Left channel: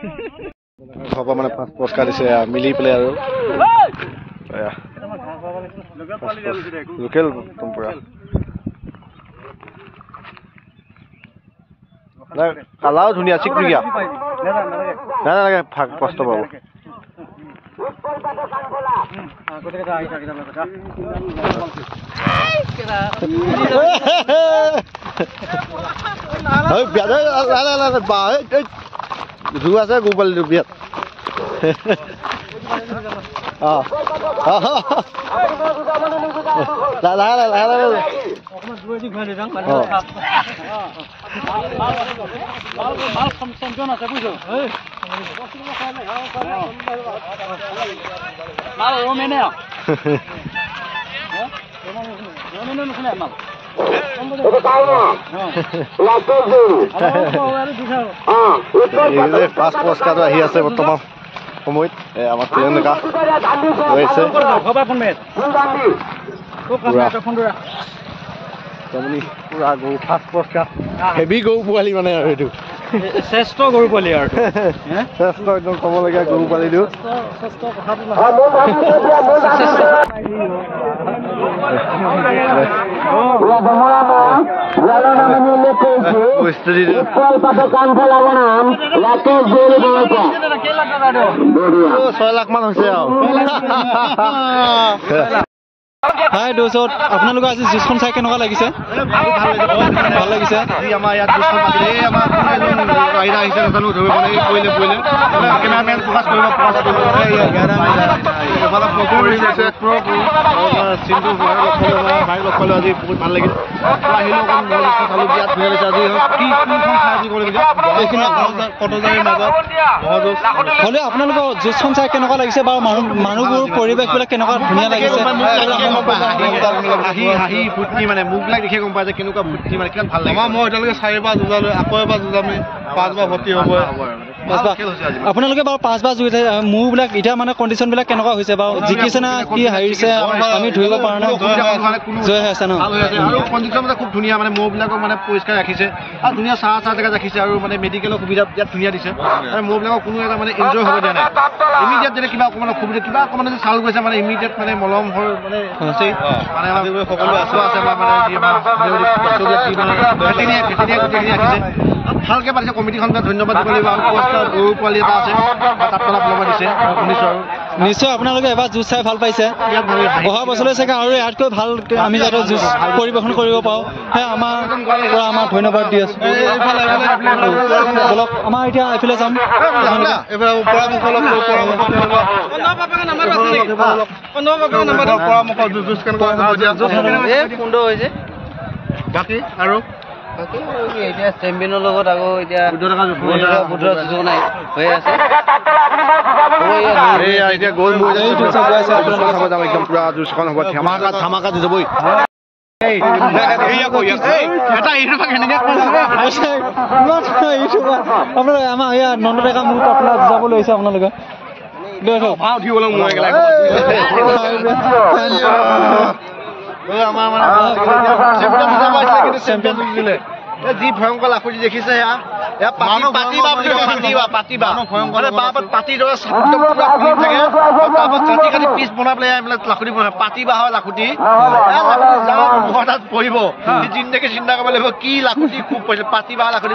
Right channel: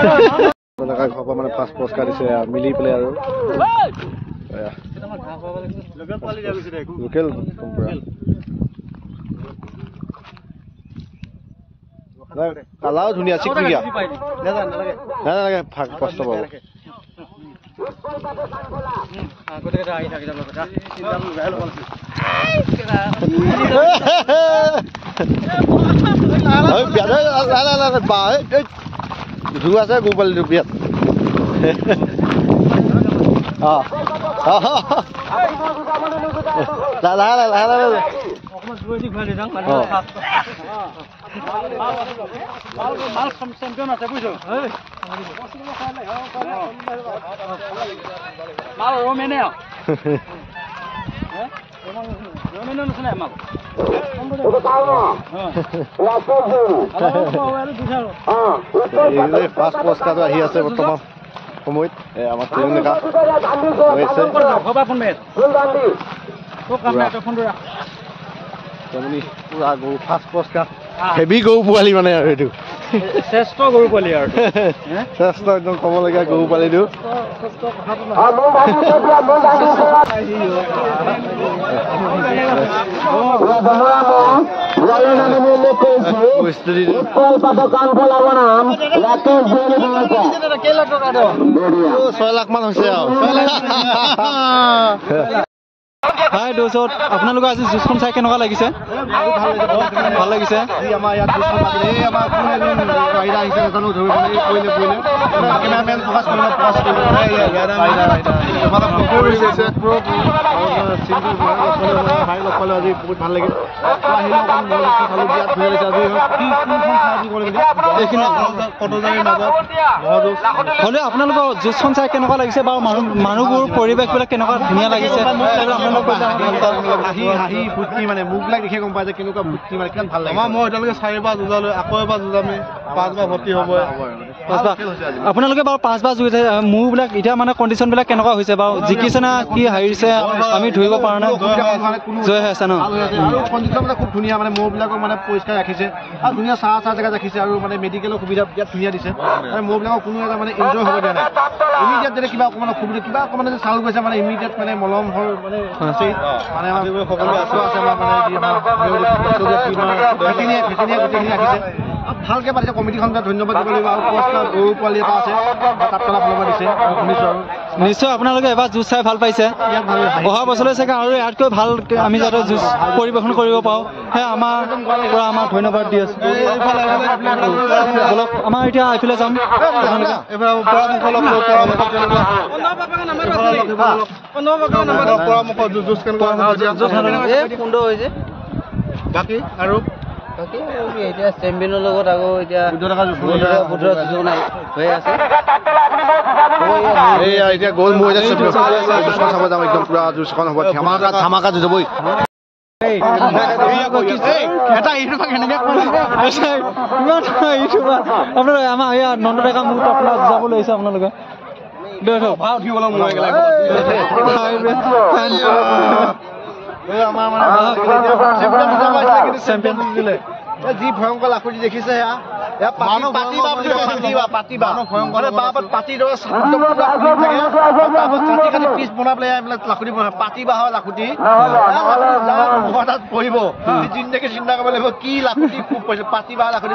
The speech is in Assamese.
ঘৰৰ পৰা মানে ফাৰ্ষ্ট পুৰস্কাৰ দিছে মিলি পেলাই আৰু লোকেল পুৰা কালাও ধুনীয়া চিকমিকিয়া নালাগে ভাগ কষ্ট পাব ধুৰ আছে গৰু পোৱালিটো বিয়াত ফাৰ্ষ্ট পুৰস্কাৰটো আহি আছে বৰ্তমান সময়ত আমাৰ তিৰংগা পুৰা গৰু ফাৰ্ষ্ট পুৰস্কাৰ হেভি গৰু পোৱালি মানে আৰু এইটো শ্ৰেষ্ঠ গৰু পোৱালি আৰু শ্ৰেষ্ঠ একদম ক'বলগীয়া গৰু পোৱালিটো $6 লাখ মান হৈছে আৰু হাই দোস্ত আপোনালোকে আজি জুচখন চাই কেনেকুৱা লাগিছে ভাল লাগিছে আমাৰ ইয়াত জুচখন পাতিলে আমাৰ আহিছে নাজানো ধৰিব কেমেৰামেন ফ'কাছ কৰিব ভাই লগ পালোঁ আজি বহুত ভাল লাগিল আহিলোঁ চালোঁ বিয়াত ধুনীয়া লাগিছে আজি কি কোনখন খাই বুলি ক'ব লাগিব এইখিনি কটজাৰীৰ মাজত মহজুচ হ'লেও আপোনালোকৰ জুচখন চাই কেনেকুৱা লাগিছে বাৰু মানুহবোৰ পৰিৱেশবিলাক কেনেকুৱা ধুনীয়া লাগিছে হাঁহি ফুৰ্তি মানে মুখবিলাক দেখি গম পাই যে কেনেকুৱা ফুৰ্তি মানে কিমান ভাল লাগে মই এতিয়ালৈকে 4বাৰ যুঁজালোঁ আকৌ এবাৰ যুঁজামে 5বাৰ ভৰ্তি হ'ব আপোনালোকে বাৰু 5বাৰ যুঁজিছে মূৰবিলাক এতিয়া মানে কণ্ডিশ্যনবিলাক কেনেকুৱা হৈছে বাৰু জিকিছে না কি হাৰিছে আমি ধৰিব পৰা নাই জয় হৈ আছে ন আৰু কণ্ডিশ্যন মানে খুব ধুনীয়া মানে মৌবিলাকক মানে পৰিষ্কাৰ ৰাখিছে আৰু ধুনীয়া চাহ জেগাত ৰাখিছে আৰু মানে মেডিকেলৰ সুবিধা ইয়াত ধুনীয়া দিছে আৰু মৌবিলাকক কোনো এটা মানে এনজয় হ'ব দিয়া নাই ইমিডিয়েট যদি কিবা অকণমান অসুবিধা কিবা অকণমান যদি চাউল গৈছে মানে ইমিডিয়েট মানে মলম মানে আছেই মানে সকলো আছে আমাৰ মানে যি আমাৰ ভেটেৰিনেৰী গোটেইখিনি ৰাখিছে ভালকৈ পাতিছে কমিটিখন ধন্যবাদ দিব লাগিব আৰু পুৰস্কাৰ গৰু পোৱালি এটা আছে তাত তলা ফলবা দিছে শুনিছোঁ আৰু নিশ্চয় আপোনালোকে এবাৰ জুচ চাই ভাল পাইছে অহা বছৰলৈ চাগে আৰু ইয়াতকৈ ভাল আমি যাতে জুচ পৰিৱেশন কৰিব পাৰোঁ সেয়া আমাৰ পৰা আমাৰ ধন্যবাদ দি আছোঁ বলক আমাৰ এতিয়া এইফালে যাম বাকী আৰু এতিয়া চেম্পিয়নৰ লগত আকৌ এতিয়া নাই হৈ আছে এতিয়া গ'ল চাব যাম একদম পুৰা জুচখন হ'ব ধামাকা যুঁজবই আপোনালোকে আমাৰ এয়া নন্দডেকা মুহূৰ্ত আপোনাৰ যুঁজাব লৈছে আপোনালোকে যি ভয়ংকৰ লাখুটি দেখিছে কাটি পিচ বনাই পেলাই লাখুটি বনাই পাতিবা হয় লাখুটি তাত পৰিব জিন্দেগী চিন্তা কৰিব লাগিব কি লাখুটি খুব পৰিছে পাতিবা লাখুটি